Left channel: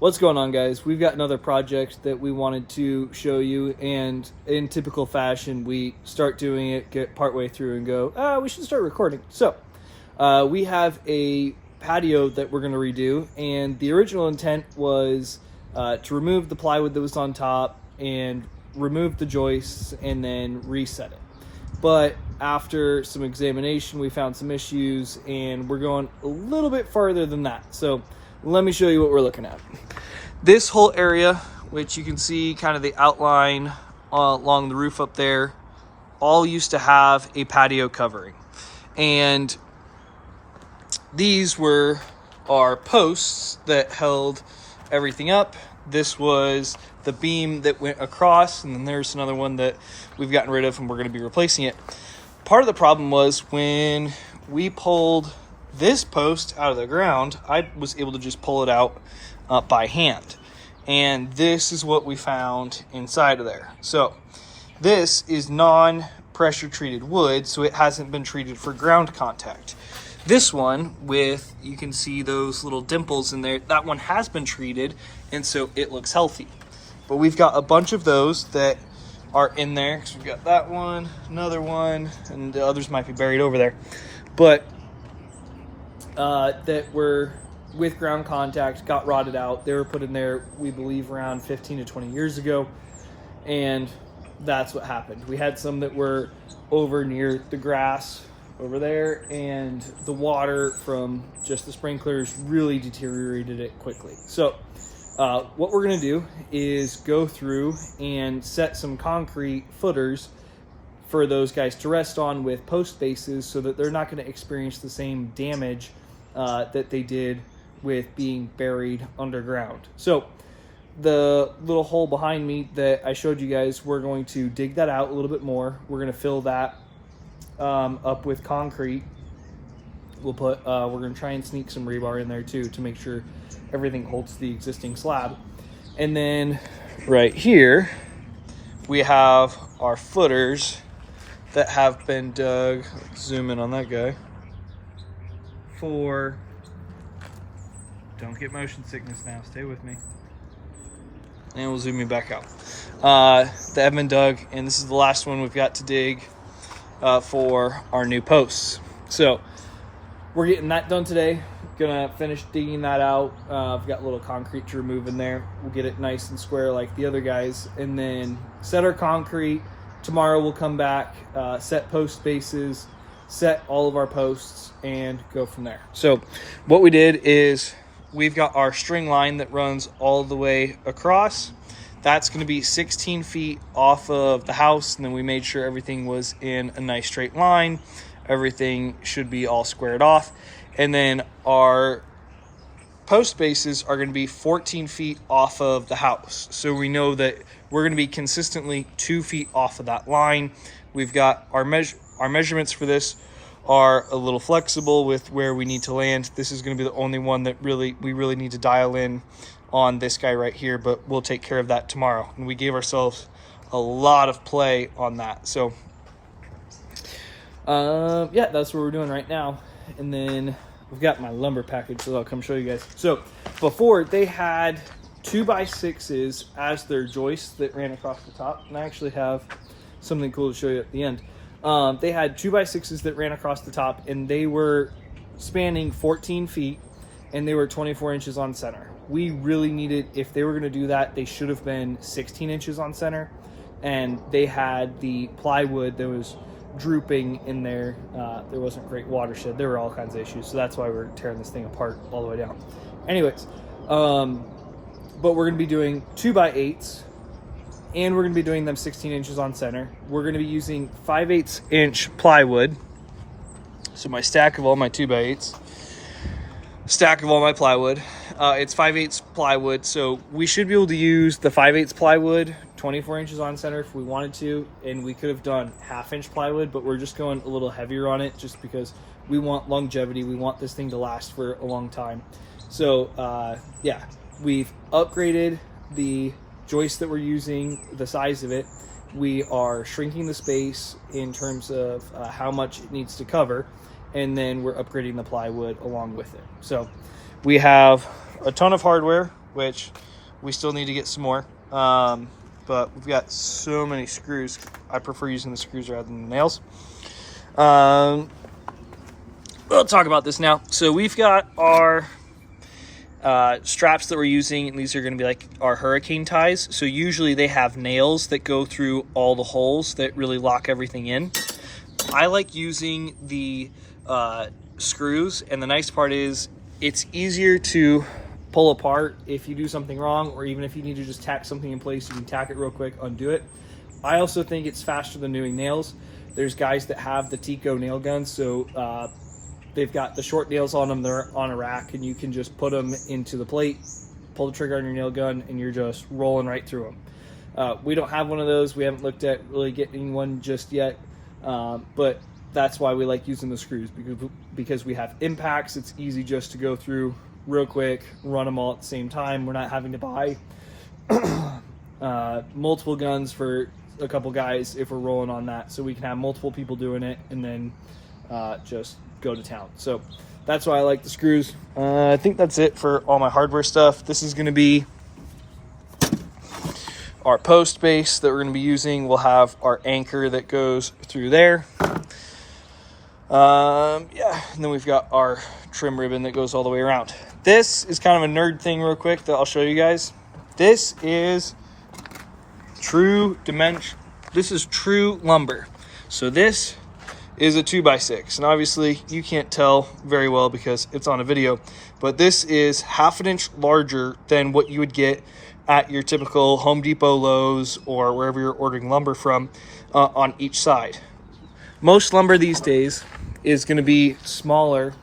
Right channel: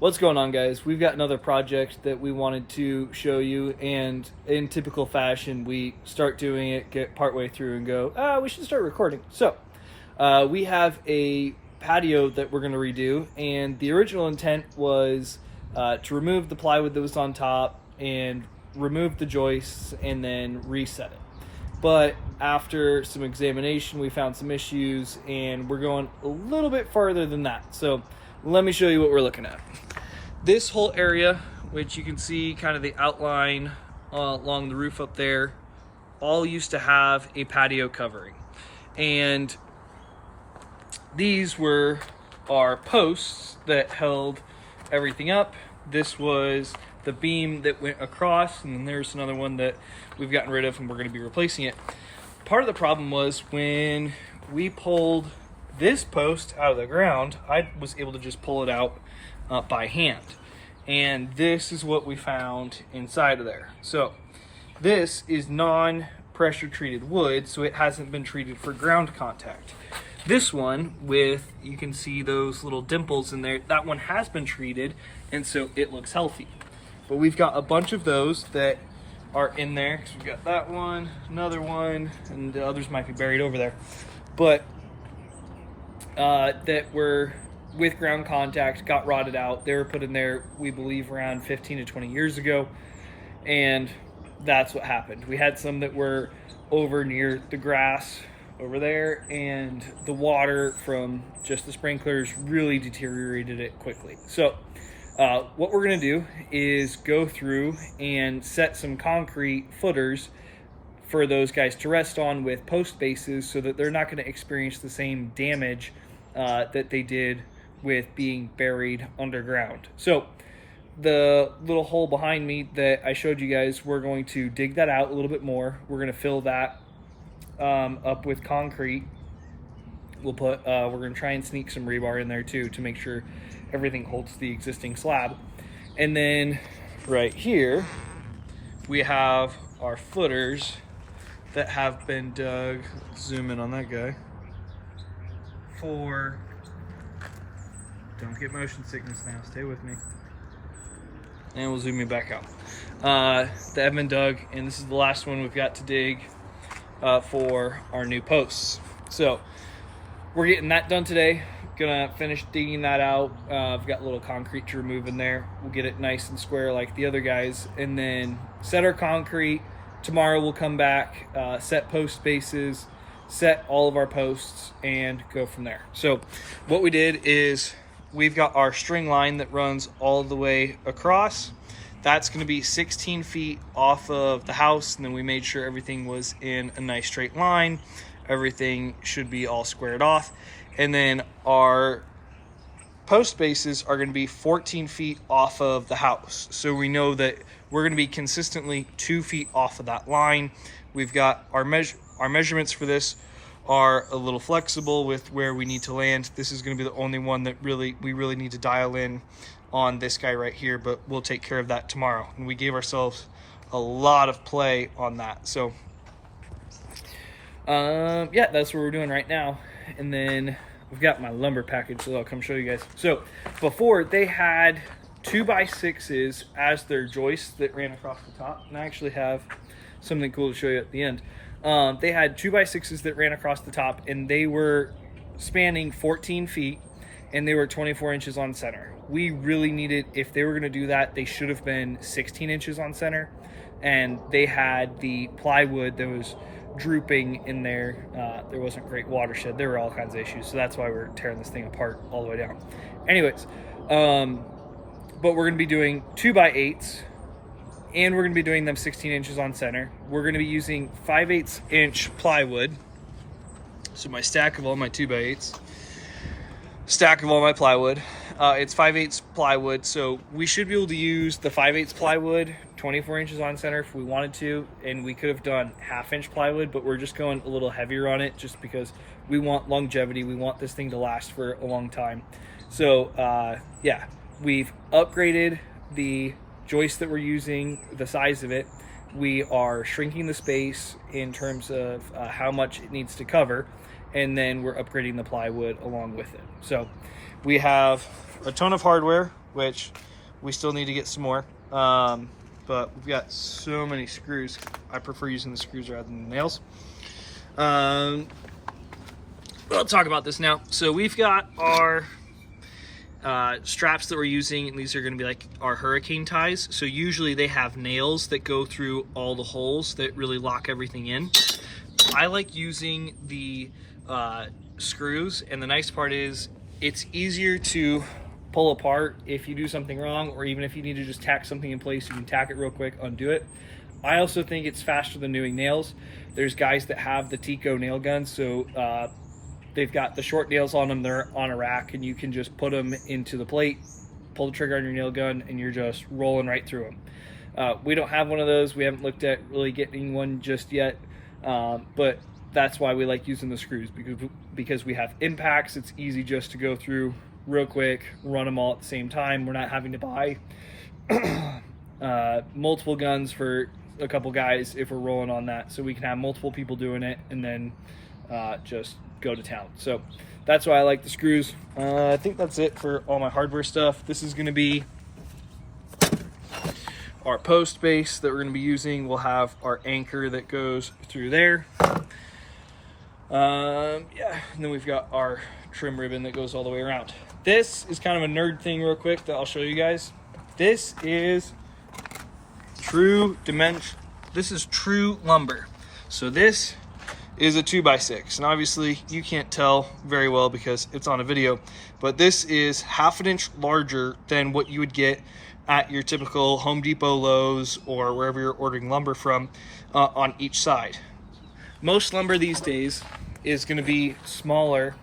What's going on, guys? We've got another project that we wanted to show you, and in typical fashion, we start doing it, get partway through, and go, we should start recording. So, we have a patio that we're going to redo, and the original intent was to remove the plywood that was on top and remove the joists and then reset it. But after some examination, we found some issues, and we're going a little bit farther than that. So let me show you what we're looking at. This whole area, which you can see kind of the outline along the roof up there, all used to have a patio covering. And these were our posts that held everything up. This was the beam that went across, and then there's another one that we've gotten rid of and we're going to be replacing it. Part of the problem was when we pulled this post out of the ground, I was able to just pull it out by hand. And this is what we found inside of there. So this is non-pressure treated wood, so it hasn't been treated for ground contact. This one, with, you can see those little dimples in there, that one has been treated, and so it looks healthy. But we've got a bunch of those that are in there. So we've got that one, another one, and the others might be buried over there. But that were with ground contact, got rotted out. They were put in there, we believe, around 15 to 20 years ago, and that's what happened. We had some that were over near the grass over there, and the water from just the sprinklers really deteriorated it quickly. So what we're going to do is go through and set some concrete footers for those guys to rest on with post bases, so that they're not going to experience the same damage that they did with being buried underground. So the little hole behind me that I showed you guys, we're going to dig that out a little bit more. We're going to fill that up with concrete. We're going to try and sneak some rebar in there too, to make sure everything holds the existing slab. And then right here we have our footers that have been dug. Let's zoom in on that guy. Don't get motion sickness now, stay with me. And we'll zoom me back out. That have been dug, and this is the last one we've got to dig for our new posts. So we're getting that done today. Gonna finish digging that out. I've got a little concrete to remove in there. We'll get it nice and square like the other guys, and then set our concrete. Tomorrow we'll come back, set post bases, set all of our posts, and go from there. So what we did is we've got our string line that runs all the way across. That's going to be 16 feet off of the house, and then we made sure everything was in a nice straight line. Everything should be all squared off. And then our post bases are going to be 14 feet off of the house. So we know that we're going to be consistently 2 feet off of that line. We've got our measurements for this are a little flexible with where we need to land. This is going to be the only one that we really need to dial in on this guy right here, but we'll take care of that tomorrow. And we gave ourselves a lot of play on that. So yeah, that's what we're doing right now. And then we've got my lumber package, so I'll come show you guys. So before, they had 2x6s as their joists that ran across the top, and I actually have something cool to show you at the end. They had 2x6s that ran across the top, and they were spanning 14 feet, and they were 24 inches on center. We really needed, if they were going to do that, they should have been 16 inches on center, and they had the plywood that was drooping in there. There wasn't great watershed. There were all kinds of issues, so that's why we're tearing this thing apart all the way down. Anyways, but we're going to be doing 2x8s, and we're going to be doing them 16 inches on center. We're going to be using 5/8 inch plywood. So my stack of all my 2x8s, stack of all my plywood, it's 5/8 plywood. So we should be able to use the 5/8 plywood 24 inches on center if we wanted to, and we could have done 1/2 inch plywood, but we're just going a little heavier on it just because we want longevity. We want this thing to last for a long time. So yeah, we've upgraded the joist that we're using, the size of it. We are shrinking the space in terms of how much it needs to cover, and then we're upgrading the plywood along with it. So we have a ton of hardware. which we still need to get some more. But we've got so many screws. I prefer using the screws rather than the nails. We'll talk about this now. So we've got our straps that we're using, and these are going to be like our hurricane ties. So usually they have nails that go through all the holes that really lock everything in. I like using the screws, and the nice part is it's easier to pull apart if you do something wrong, or even if you need to just tack something in place, you can tack it real quick, undo it. I also think it's faster than doing nails. There's guys that have the Tico nail guns, so they've got the short nails on them, they're on a rack, and you can just put them into the plate, pull the trigger on your nail gun, and you're just rolling right through them. We don't have one of those. We haven't looked at really getting one just yet, but that's why we like using the screws, because we have impacts. It's easy just to go through real quick, run them all at the same time. We're not having to buy multiple guns for a couple guys if we're rolling on that, so we can have multiple people doing it and then just go to town. So that's why I like the screws. I think that's it for all my hardware stuff. This is going to be our post base that we're going to be using. We'll have our anchor that goes through there. Yeah, and then we've got our trim ribbon that goes all the way around. This is kind of a nerd thing real quick that I'll show you guys. This is true dimension. This is true lumber. So this is a 2x6, and obviously you can't tell very well because it's on a video, but this is half an inch larger than what you would get at your typical Home Depot, Lowe's, or wherever you're ordering lumber from on each side. Most lumber these days is going to be smaller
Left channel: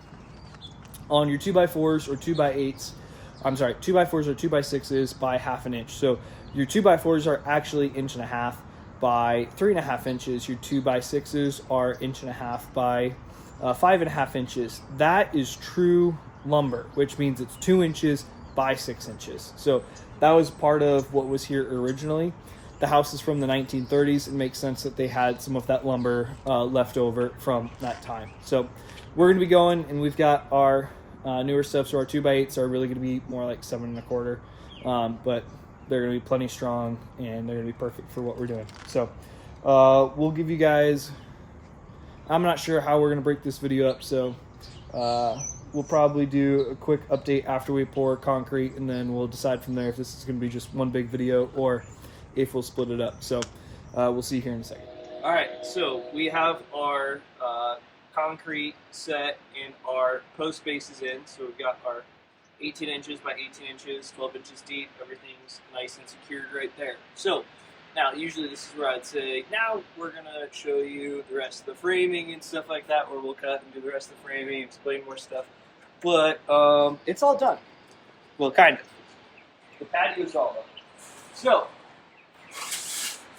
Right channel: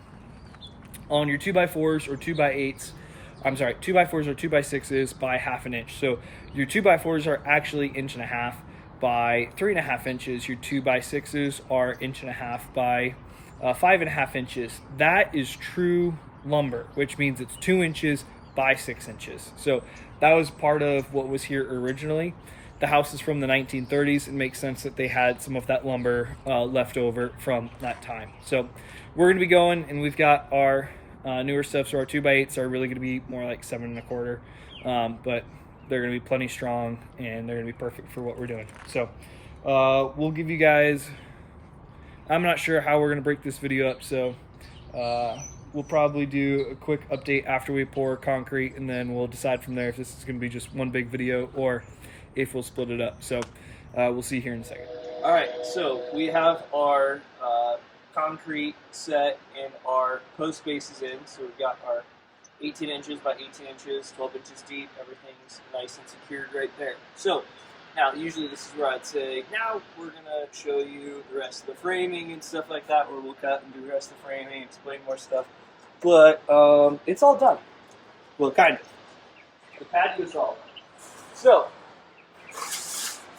on your 2x4s or 2x8s. I'm sorry, 2x4s or 2x6s by half an inch. So your 2x4s are actually 1.5 inches by 3.5 inches. Your 2x6s are 1.5 inches by 5.5 inches. That is true lumber, which means it's 2 inches by 6 inches. So that was part of what was here originally. The house is from the 1930s. It makes sense that they had some of that lumber left over from that time. So we're going to be going, and we've got our newer stuff. So our 2x8s are really going to be more like 7.25, but they're going to be plenty strong, and they're going to be perfect for what we're doing. So we'll give you guys, I'm not sure how we're going to break this video up, so we'll probably do a quick update after we pour concrete, and then we'll decide from there if this is going to be just one big video or if we'll split it up. So we'll see here in a second. All right, so we have our concrete set and our post bases in. So we've got our 18 inches by 18 inches, 12 inches deep. Everything's nice and secured right there. So now, usually this is where I'd say, now we're gonna show you the rest of the framing and stuff like that, or we'll cut and do the rest of the framing, explain more stuff. But it's all done. Well, kind of. The patio's all done. So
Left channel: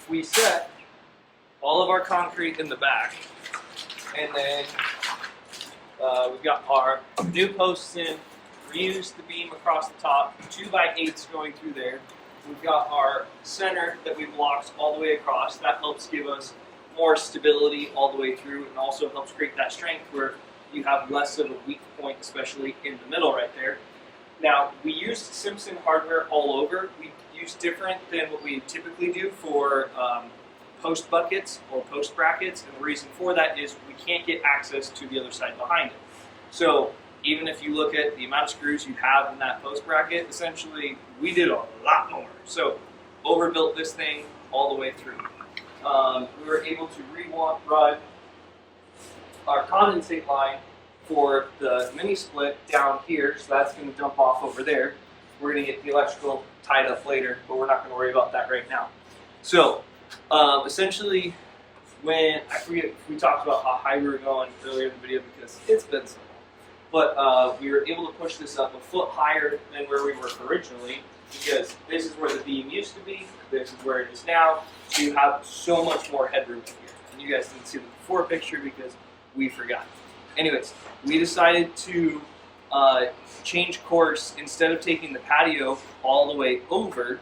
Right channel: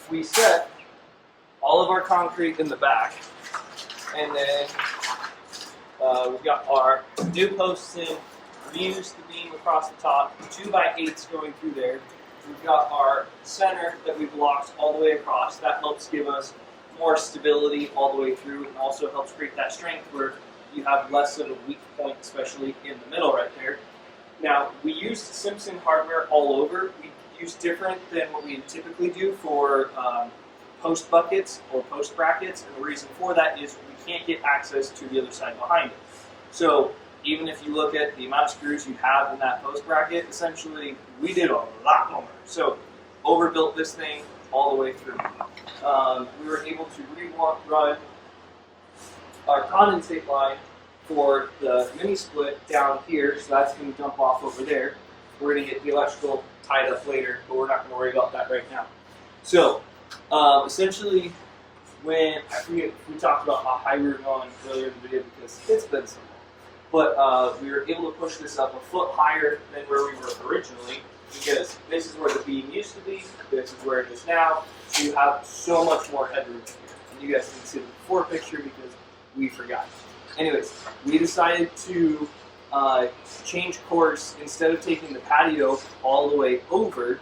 we set all of our concrete in the back, and then we've got our new posts in, reused the beam across the top, 2x8s going through there. We've got our center that we've locked all the way across. That helps give us more stability all the way through, and also helps create that strength where you have less of a weak point, especially in the middle right there. Now, we used Simpson hardware all over. We used different than what we typically do for post buckets or post brackets, and the reason for that is we can't get access to the other side behind it. So even if you look at the amount of screws you have in that post bracket, essentially we did a lot more. So overbuilt this thing all the way through. We were able to run our condensate line for the mini split down here, so that's going to dump off over there. We're going to get the electrical tied up later, but we're not going to worry about that right now. So essentially, when I forget if we talked about how high we were going earlier in the video because it's been so long. But we were able to push this up a foot higher than where we were originally, because this is where the beam used to be, this is where it is now, so you have so much more headroom in here. And you guys didn't see the before picture because we forgot. Anyways, we decided to change course. Instead of taking the patio all the way over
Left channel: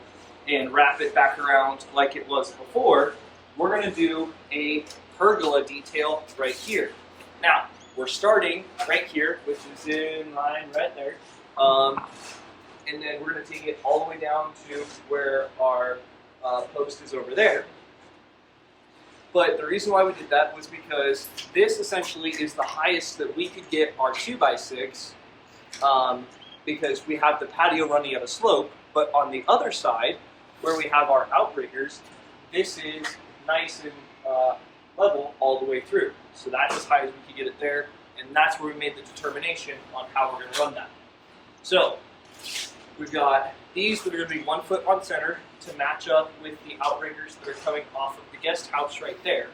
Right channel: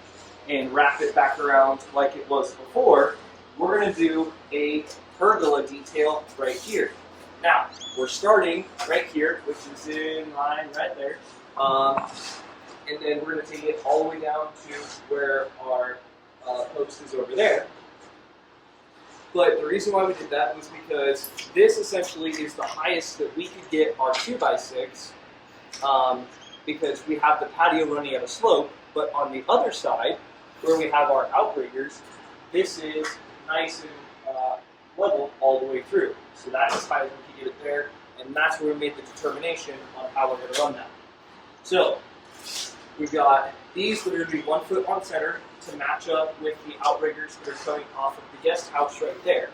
and wrap it back around like it was before, we're going to do a pergola detail right here. Now, we're starting right here, which is in line right there, and then we're going to take it all the way down to where our post is over there. But the reason why we did that was because this essentially is the highest that we could get our 2x6, because we have the patio running at a slope, but on the other side, where we have our outriggers, this is nice and level all the way through. So that's as high as we could get it there, and that's where we made the determination on how we're going to run that. So we've got these that are going to be 1 foot on center to match up with the outriggers that are coming off of the guest house right there.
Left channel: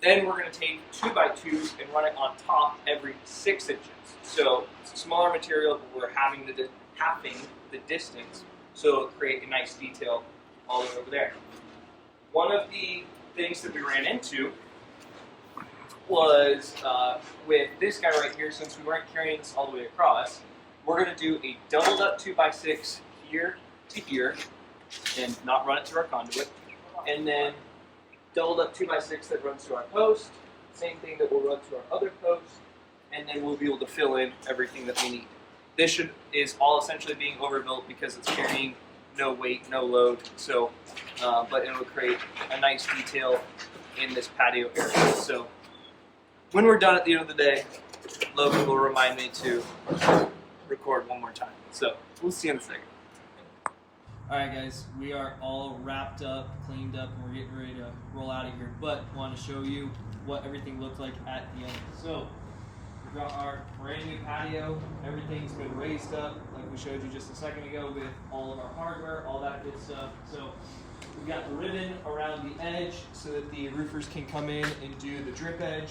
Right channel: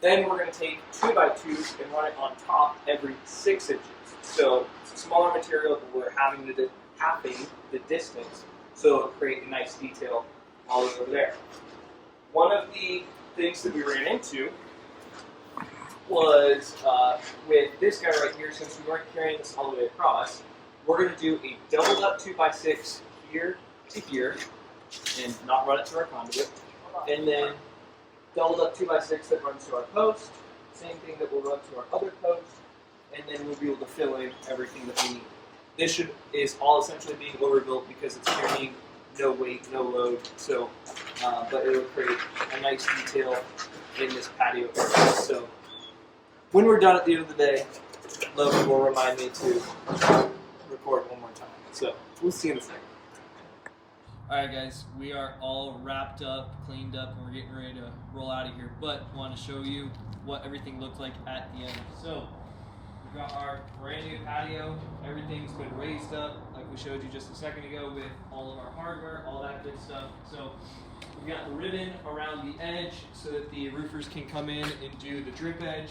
Then we're going to take 2x2s and run it on top every 6 inches. So it's a smaller material, but we're having the distance, so it'll create a nice detail all the way over there. One of the things that we ran into was with this guy right here, since we weren't carrying this all the way across, we're going to do a doubled up 2x6 here to here, and not run it through our conduit, and then doubled up 2x6 that runs to our post, same thing that will run to our other post, and then we'll be able to fill in everything that we need. This is all essentially being overbuilt because it's carrying no weight, no load, so, but it'll create a nice detail in this patio area. So when we're done at the end of the day, Logan will remind me to record one more time. So we'll see you in a second. Alright guys, we are all wrapped up, cleaned up, and we're getting ready to roll out of here, but I want to show you what everything looked like at the end. So we've got our brand new patio. Everything's been raised up like we showed you just a second ago with all of our hardware, all that good stuff. So we've got the ribbon around the edge so that the roofers can come in and do the drip edge.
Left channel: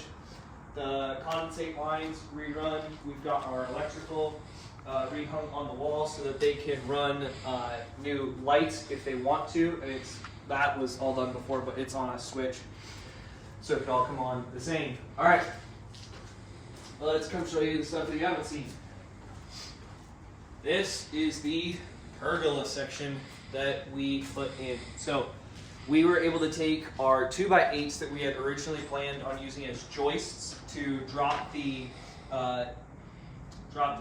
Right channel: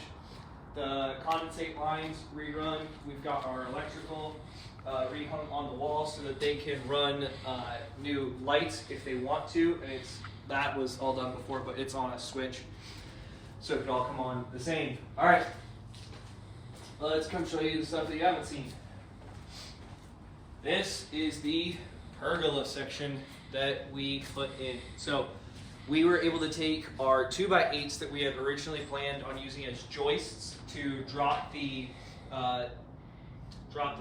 The condensate lines rerun. We've got our electrical rehung on the wall so that they can run new lights if they want to, and that was all done before, but it's on a switch so it can all come on the same. All right, well, let's come show you the stuff that you haven't seen. This is the pergola section that we put in. So we were able to take our 2x8s that we had originally planned on using as joists to drop the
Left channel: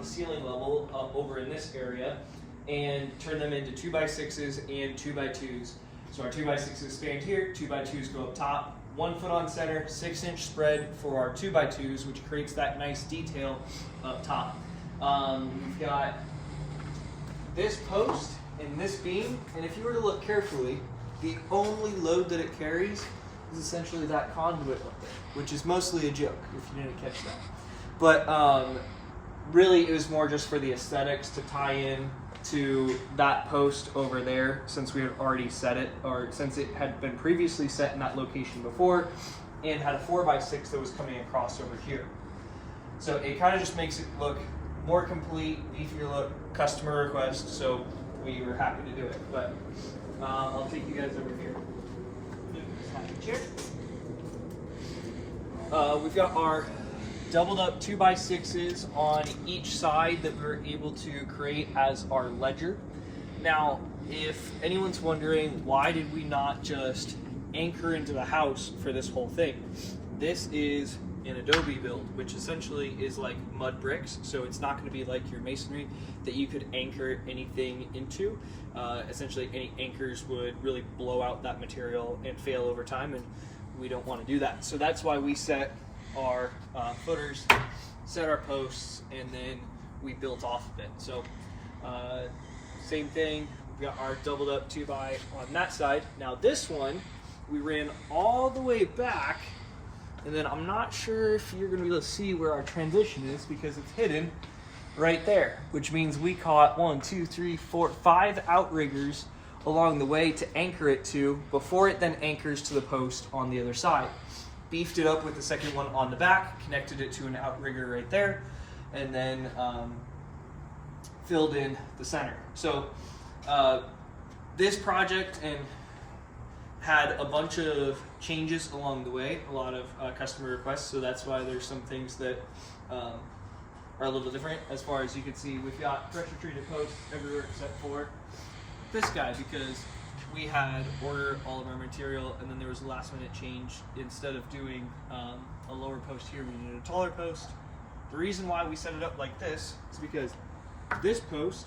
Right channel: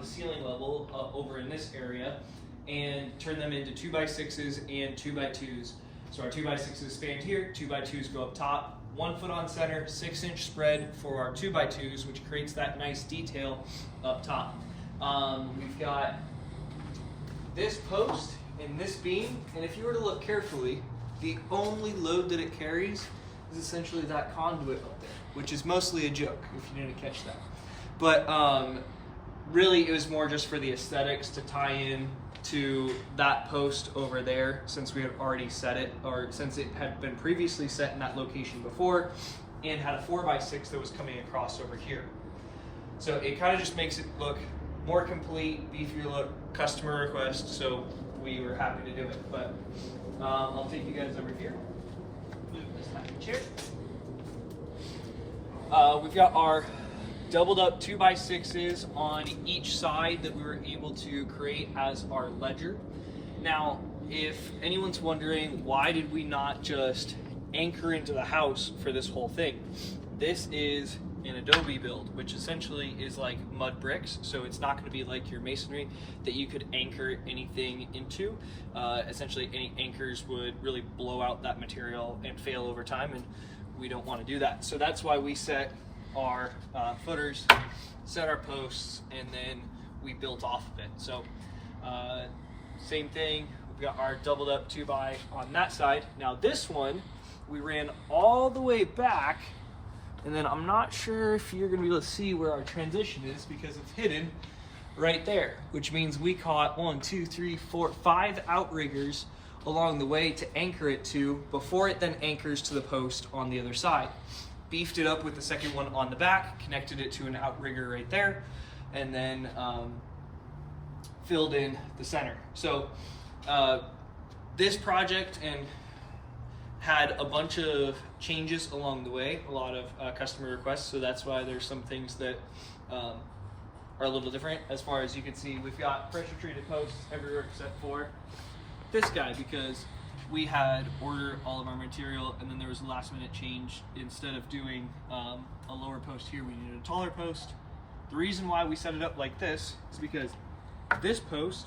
ceiling level over in this area and turn them into 2x6s and 2x2s. So our 2x6s stand here, 2x2s go up top, 1 foot on center, 6-inch spread for our 2x2s, which creates that nice detail up top. We've got this post and this beam, and if you were to look carefully, the only load that it carries is essentially that conduit up there, which is mostly a joke if you didn't catch that. But really, it was more just for the aesthetics to tie in to that post over there, since we had already set it, or since it had been previously set in that location before, and had a 4x6 that was coming across over here. So it kind of just makes it look more complete, beefier look, customer request, so we were happy to do it. But I'll take you guys over here. We've got our doubled up 2x6s on each side that we were able to create as our ledger. Now, if anyone's wondering, why did we not just anchor into the house for this whole thing? This is an adobe build, which essentially is like mud bricks, so it's not going to be like your masonry that you could anchor anything into. Essentially, any anchors would really blow out that material and fail over time, and we don't want to do that. So that's why we set our footers, set our posts, and then we built off of it. So same thing, we've got our doubled up 2x on that side. Now this one, we ran all the way back, and then I'm not sure if you're going to be able to see where our transition is because it's hidden right there, which means we caught 5 outriggers along the way to anchor it to before it then anchors to the post on the other side. Beefed it up with the second one on the back, connected it to an outrigger right there, and then filled in the center. So this project had a bunch of changes along the way, a lot of customer requests, so that's why there's some things that are a little different. As far as you can see, we've got pressure treated posts everywhere except for this guy, because we had ordered all of our material and then there was a last minute change. Instead of doing a lower post here, we needed a taller post. The reason why we set it up like this is because this post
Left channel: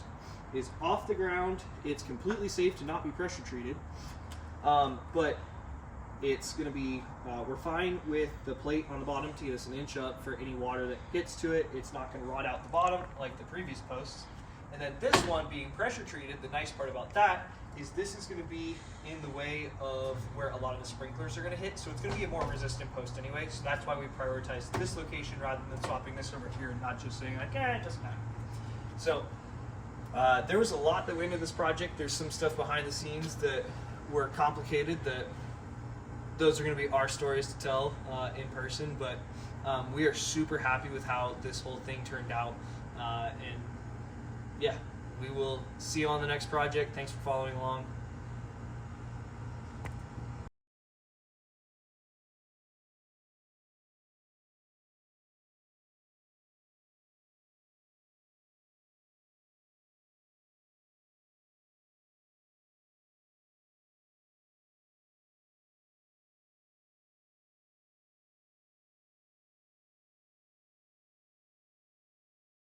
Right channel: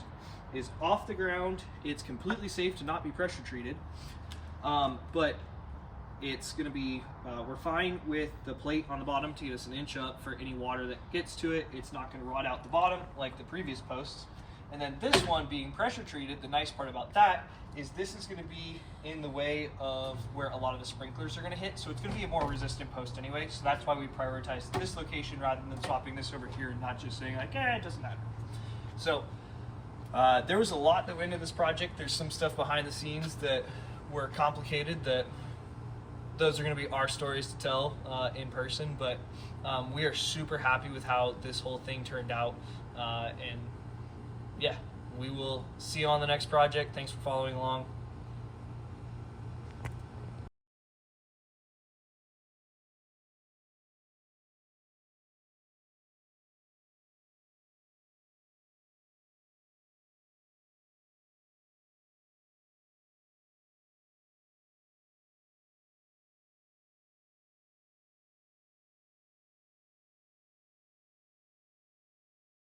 is off the ground. It's completely safe to not be pressure treated, but it's going to be, we're fine with the plate on the bottom to get us an inch up for any water that gets to it. It's not going to rot out the bottom like the previous posts. And then this one being pressure treated, the nice part about that is this is going to be in the way of where a lot of the sprinklers are going to hit. So it's going to be a more resistant post anyway. So that's why we prioritize this location rather than swapping this over here and not just saying like, it doesn't matter. So there was a lot that went into this project. There's some stuff behind the scenes that were complicated that those are going to be our stories to tell in person, but we are super happy with how this whole thing turned out. And yeah, we will see you on the next project. Thanks for following along.